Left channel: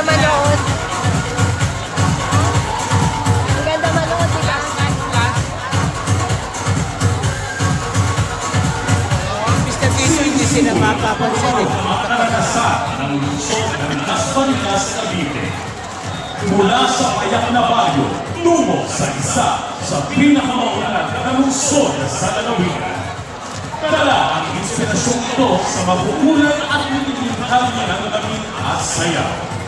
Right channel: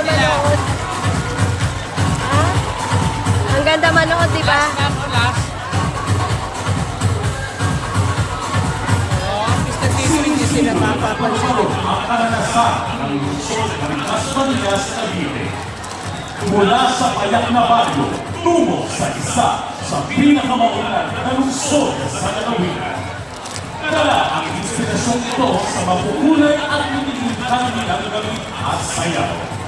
ganda manood. Ang ganda manood, di ba? Basta dito hindi sila mapapansin eh. Mula sa payak na baryo, tungo sa isa sa pinakamaunang na lungsod sa lalawigan. Dala ang inspirasyong ito sa mabukulay at nililihali ng damit at sayaw.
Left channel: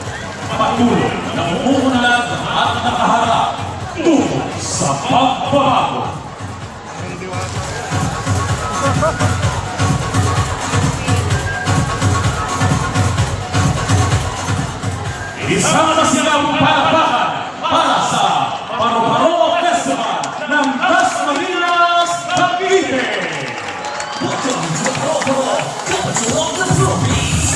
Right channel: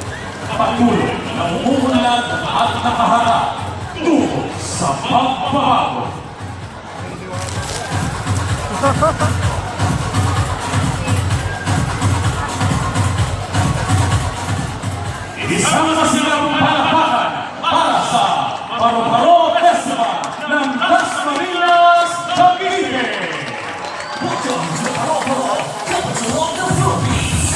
Patuloy na umuunlad at nakaharap tungo sa pagbabago. Isang masigang palakpakan para sa Paro-Paro Festival ng Dasmariñas, Cavite! Welcome to Paro-Paro, capital of the Philippines!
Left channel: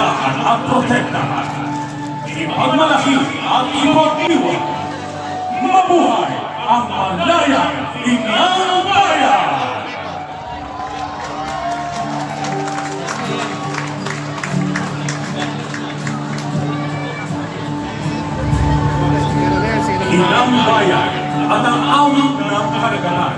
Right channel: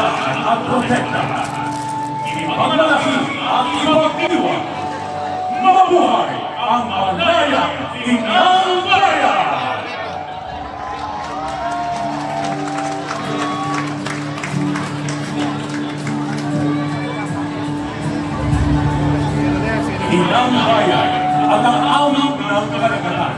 alagaan at protekta. Ipagmalaki at ipag-iwan. Mabuhay ang Malayang Inang Bayan! Inang Bayan at ang awit ng karagatan.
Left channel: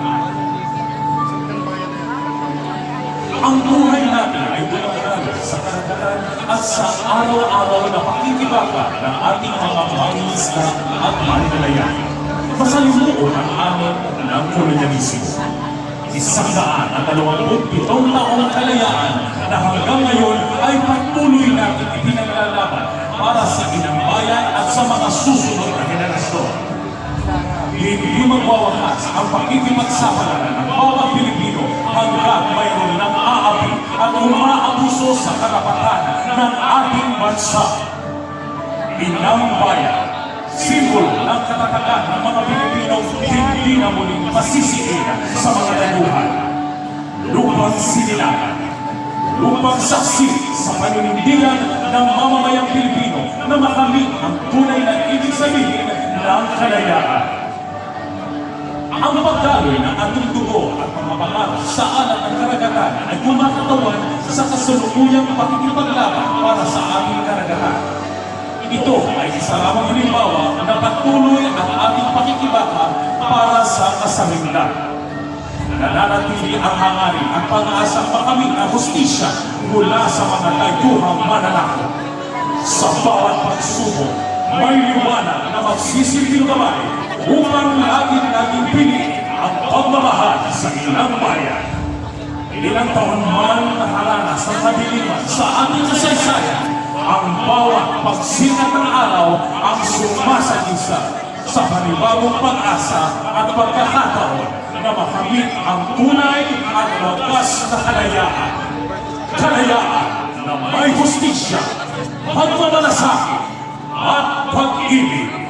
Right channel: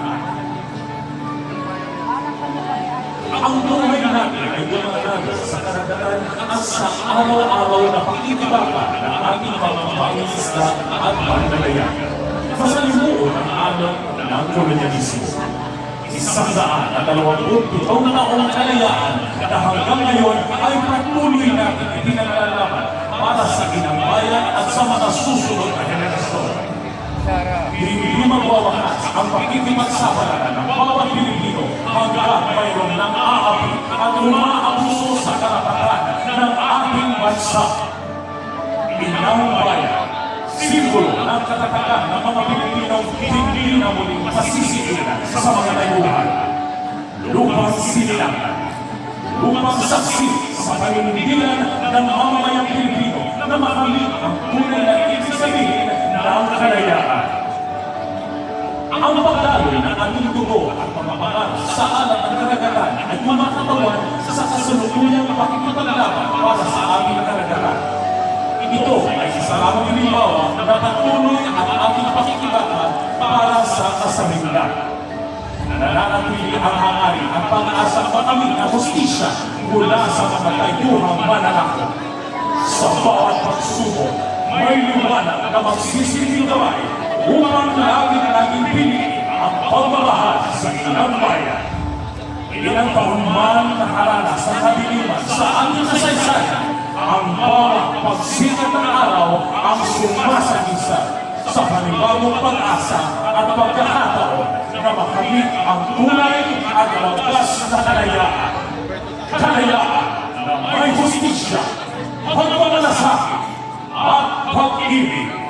Ang buhay natin ay dumagaan sa karagatan at sa araw-araw na pakikibaka ng ating mga pangingisda at mananayan. Masalimuon ang anak ng kolonyalismo. 127 taong kalayaan na hanggang ngayon ay patuloy natin ipinaglalaban para sa Inang Bayan at sa mga susunod na henerasyon. Hindi magwawakas ang pakikipagsapalaran ng bawat Pilipino hanggang mayroon ng aapi at umaabuso sa karapatan ng ating bansa. Inang Bayan, simbolo ng katatagan ng mga Pilipinong hindi na muling pasisiin sa mga dayuhan. Lupang sinilangan, lupang saksi sa paninindigan ng mamamayang Pilipino na makamit ang tunay na ibig sabihin ng kalayaan. Ang pagdaloy ng ating dugo at mga pangarap sa alat ng karagatan ay kumakatawan sa kasalukuyang pakikipaglaban para sa ating karagatan. Ito ay isa lamang halimbawa na patuloy ang ating pakikibaka para sa kasarinlan. Nananatili ang hangarin at pag-aasang makamit na hustisya mula sa mga tayuhang mananakot. Sa bawat pagsubok, may liwanag na magsisilbing gabay upang laging naging pili ang pagmamahal sa Inang Bayan. Ilang taon man nakaranas ang kadiliman sa ating kasaysayan, ang bawat pagsikat ng araw ang sumasagisa sa panibagong pag-asa at pagkakataon na makamit ang tunay at lakas na kalayaan. Kalayaan na may hustisya, pagmamalasakit at pag-ibig.